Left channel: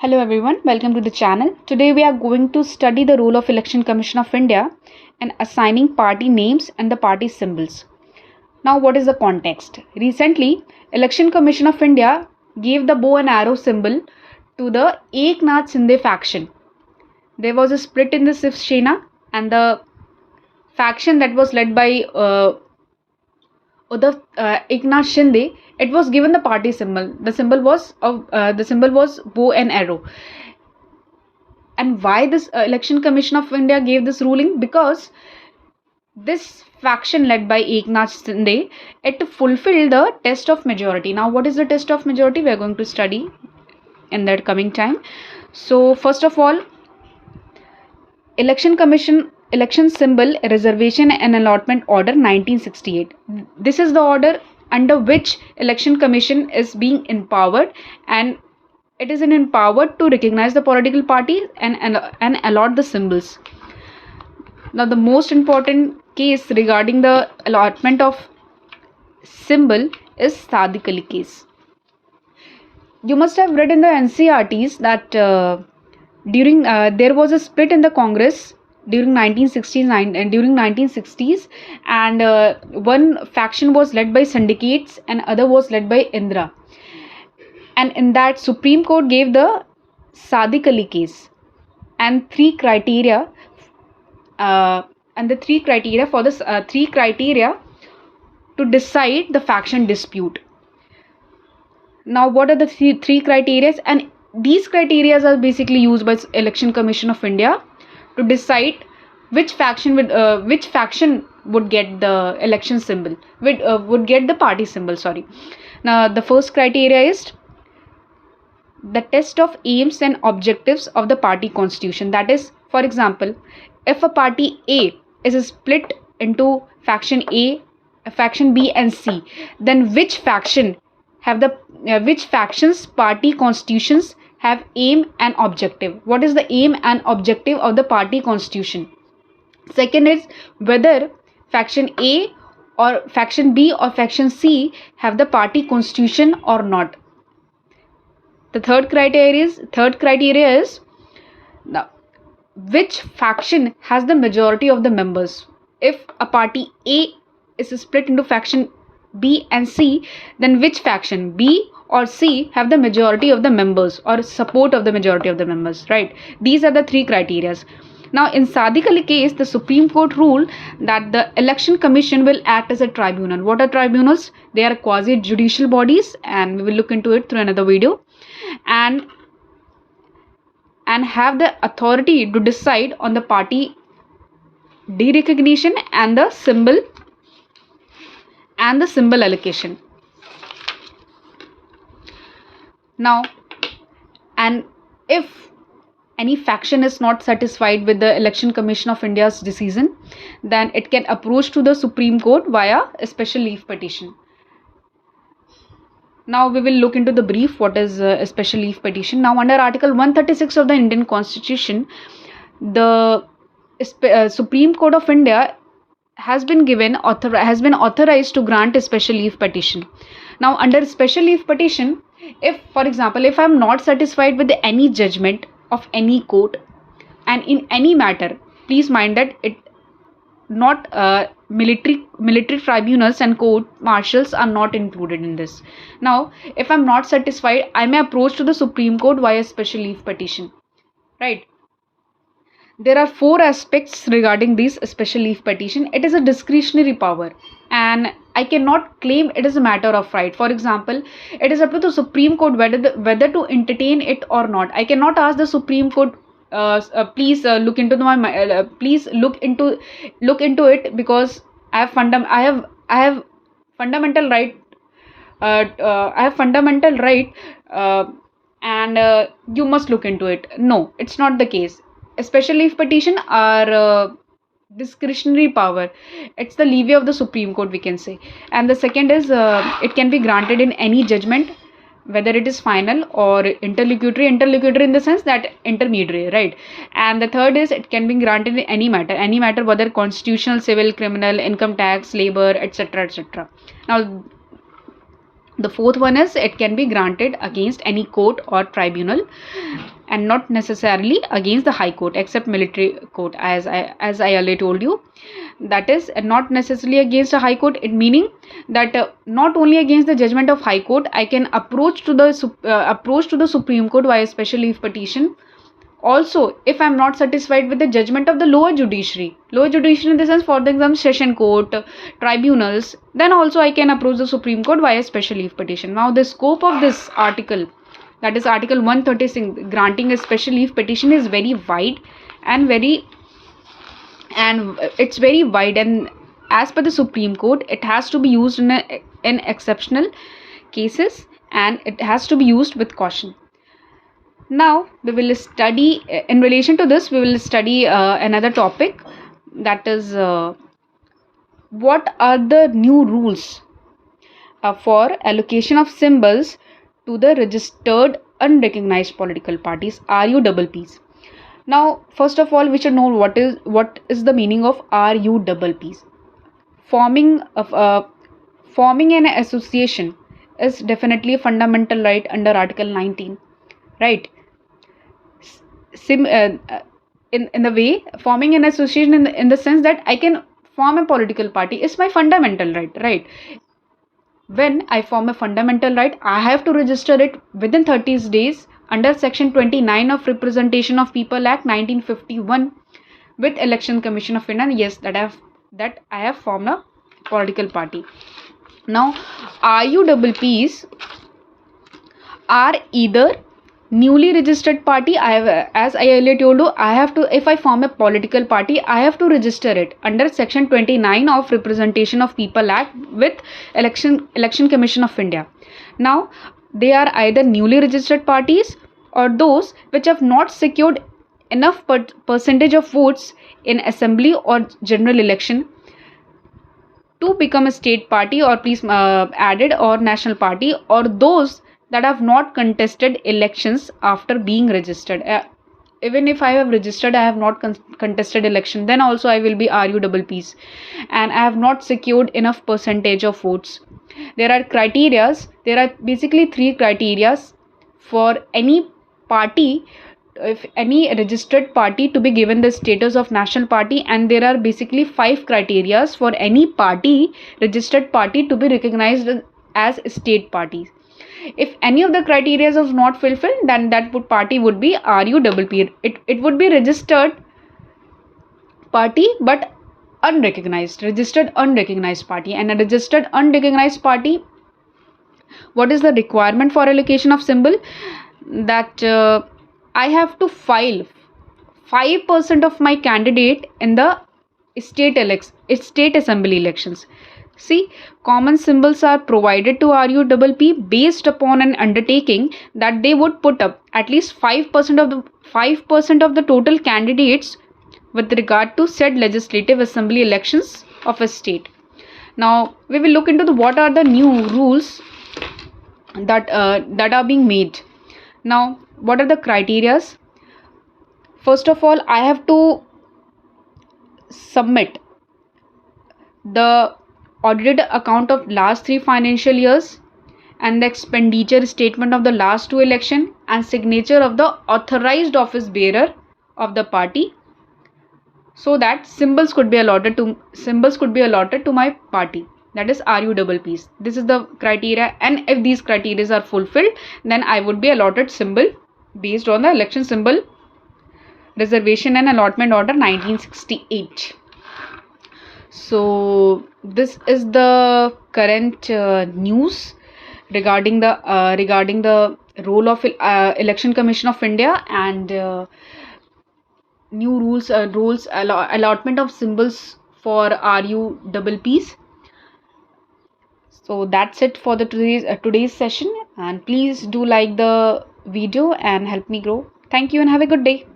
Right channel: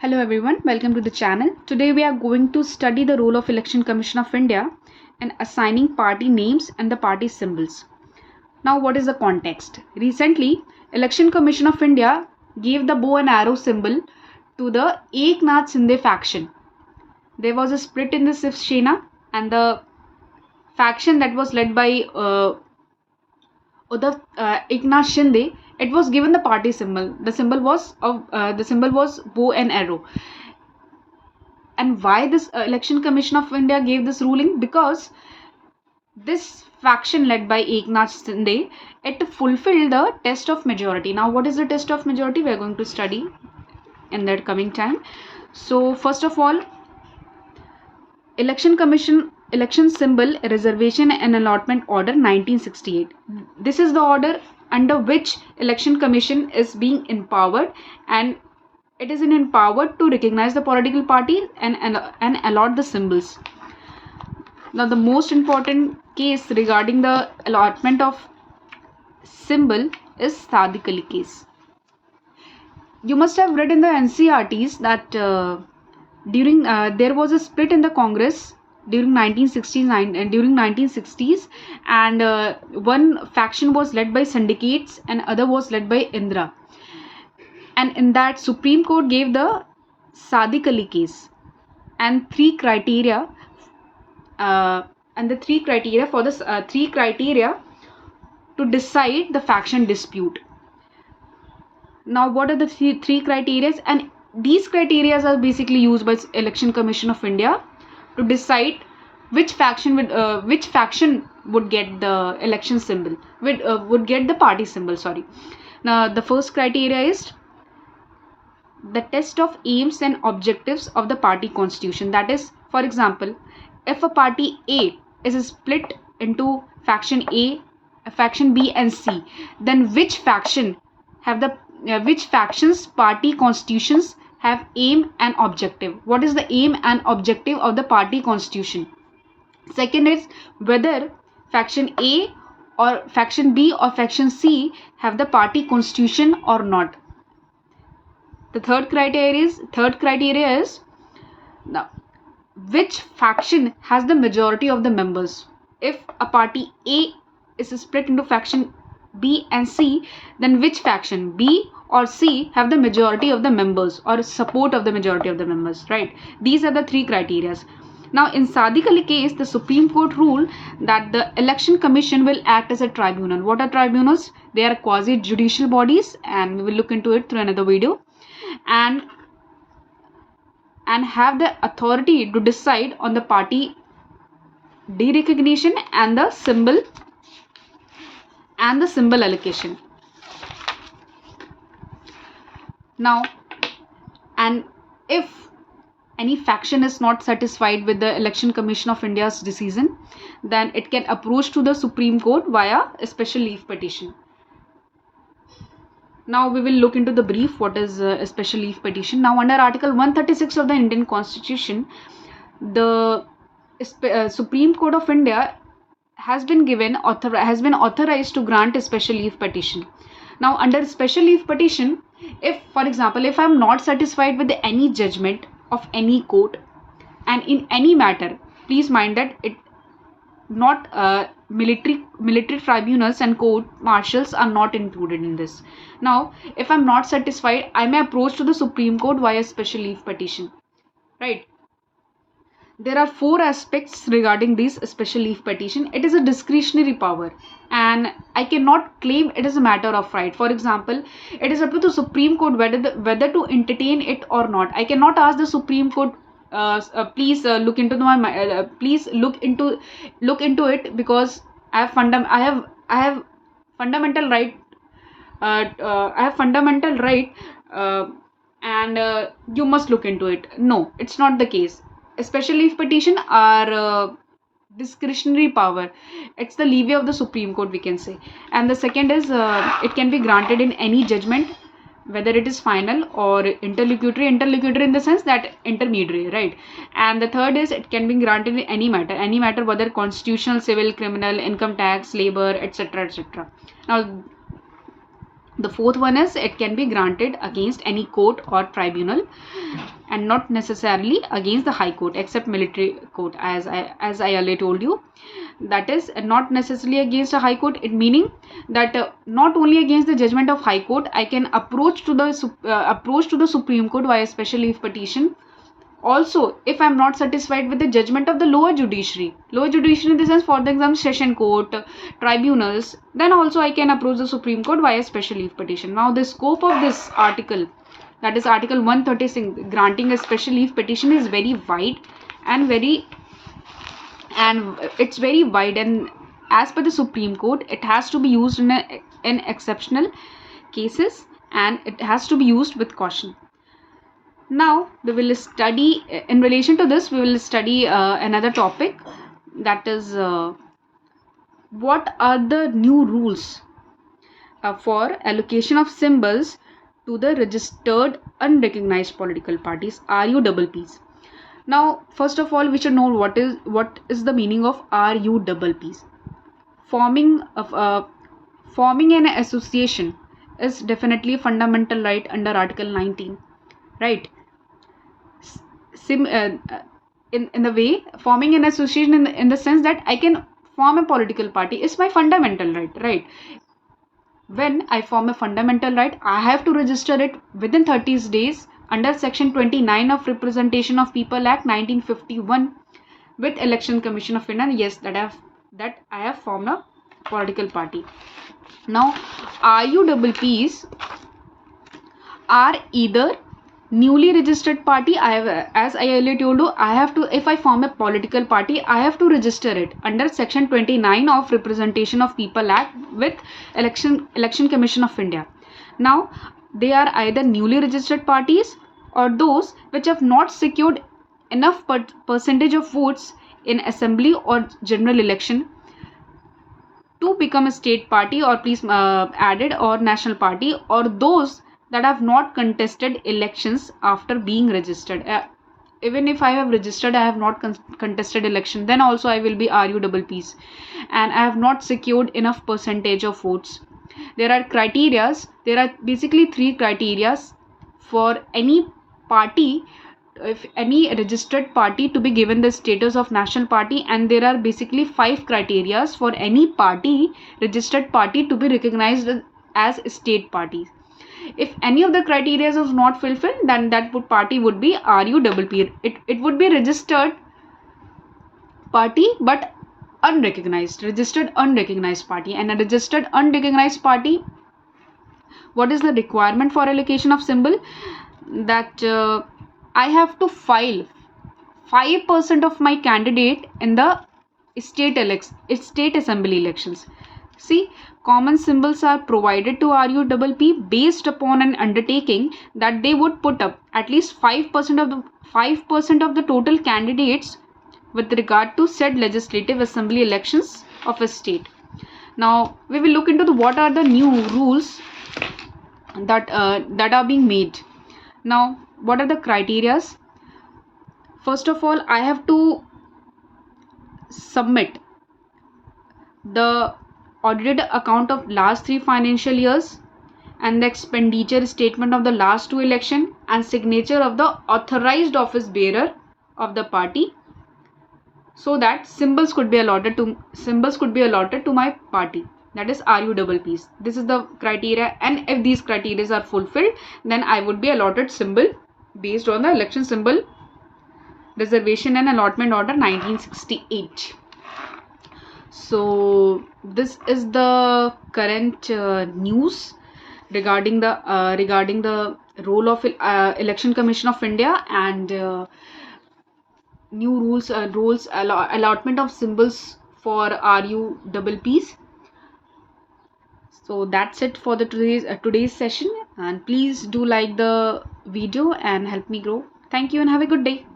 Hello everyone, welcome to the channel. Today we are going to study the role of Election Commission of India in assigning party names and the party symbols. Now what is the context? Recently, Election Commission of India gave the bow and arrow symbol to the Eknath Shinde faction. There was a split in the Shiv Sena and the faction that was led by Eknath Shinde, it was given the party symbol. The symbol was bow and arrow. And why this Election Commission of India gave this ruling? Because this faction led by Eknath Shinde, it fulfilled the test of majority. Now, what is the test of majority? We are going to study in the coming time. So, first of all, election symbol reservation and allotment order 1968. This is the order under which Election Commission is being empowered, and it is empowered to recognize the political party and allot the symbols. Now, the most important case regarding the allotment of symbol is Sadiq Ali case. You must have read in the NCRTs that during there was a split in the Congress during 1960s, and one faction was led by syndicates and other was led by Indra. And in that, Supreme Court gave the Sadiq Ali case and three criteria to decide the faction dispute. Now, what are the three criteria? And these criteria are basically used by Election Commission of India to decide which faction would get the election symbol, would get the party symbol. Sorry. Now, the first criteria is the test of aims and objectives of the party constitution. That is, for example, if a party A is split into faction A, faction B and C, then which factions party constitutions have aim and objective? What is the aim and objective of the party constitution? Second is whether faction A or faction B or faction C have the party constitution or not. The third criteria is now, which faction has the majority of the members. If a party A is split into faction B and C, then which faction, B or C, have the majority of the members or support of the majority of the members, right? These are the three criteria. Now, in Sadiq Ali case, the Supreme Court ruled that the Election Commission will act as a tribunal. What are tribunals? They are quasi-judicial bodies, and we will look into it through another video. And have the authority to decide on the party derecognition and the symbol allocation. Now, and if any faction is not satisfied with the Election Commission of India's decision, then it can approach to the Supreme Court via a special leave petition. Now we will look into the brief what is a special leave petition. Now, under Article 136 of the Indian Constitution, the Supreme Court of India has been authorized to grant a special leave petition. Now, under special leave petition, if, for example, if I am not satisfied with any judgment of any court and in any matter, please mind that it not military tribunals and court martials are not included in this. Now, if I'm not satisfied, I may approach to the Supreme Court via special leave petition, right? There are four aspects regarding this special leave petition. It is a discretionary power and I cannot claim it is a matter of right. For example, it is up to the Supreme Court whether to entertain it or not. I cannot ask the Supreme Court please look into it, because I have fundamental right and you must look into it. No, it's not the case. A special leave petition are discretionary power. It's the levy of the Supreme Court, we can say. And the second is it can be granted in any judgment, whether it is final or interlocutory in the sense that intermediary, right? And the third is it can be granted in any matter whether constitutional, civil, criminal, income tax, labor, etc. Now, The fourth one is it can be granted against any court or tribunal and not necessarily against the high court except military court, as I earlier told you. That is not necessarily against a high court, it meaning that not only against the judgment of high court I can approach to the Supreme Court via special leave petition. Also, if I'm not satisfied with the judgment of the lower judiciary in the sense, for example, session court, tribunals, then also I can approach the Supreme Court via special leave petition. Now the scope of this article, that is article 136, granting a special leave petition, is very wide and it's very wide, and as per the Supreme Court it has to be used in exceptional cases, and it has to be used with caution. Now we will study, in relation to this we will study another topic, that is what are the new rules for allocation of symbols to the registered unrecognized political parties, RUPPs. Now first of all we should know what is the meaning of RUPPs. Forming an association is definitely a fundamental right under Article 19, right? In the way, forming an association in the sense that I can form a political party is my fundamental right? When I form a fundamental right, I have to register it within 30 days under Section 29 of Representation of People Act 1951 with Election Commission of India. Yes, that I have formed a political party. Now RUPPs are either newly registered party. As I earlier told you, if I form a political party, I have to register it under Section 29 of Representation of People Act with Election Commission of India. Now they are either newly registered parties or those which have not secured enough percentage of votes in assembly or general election to become a state party, or please added, or national party, or those that have not contested elections after being registered. Even if I have registered, I have not contested election, then also I will be RUPPs, and I have not secured enough percentage of votes. There are basically three criteria for any party, if any registered party, to be given the status of national party, and there are basically 5 criteria for any registered party, to be recognized as state party. If any of the criteria is not fulfilled, then that party would be RUPP. It would be registered party but registered unrecognized party. And a registered unrecognized party, what is the requirement for allocation of symbol? That I have to file 5% of my candidate in the state assembly elections. See, common symbols are provided to RUPP based upon an undertaking that they would put up at least 5% of the total candidates with regard to said legislative assembly elections of a state. Now we will look into what are the new rules that are being made. Now, what are the criteria? First of all, I have to submit the audited account of last 3 financial years and the expenditure statement of the last 2 election and signature of the authorized office bearer of the party, so that symbols could be allotted to my party, that is RUPPs. This is the criteria, and if these criteria are fulfilled, then I would be allotted symbol based on the Election Symbol Reservation and Allotment Order 1968. So this is the current news regarding the role of Election Commission of India and new rules allotment of symbols for RUPPs. So that's it for the today's session, and please do like the video and help me grow. Thank you and have a good day.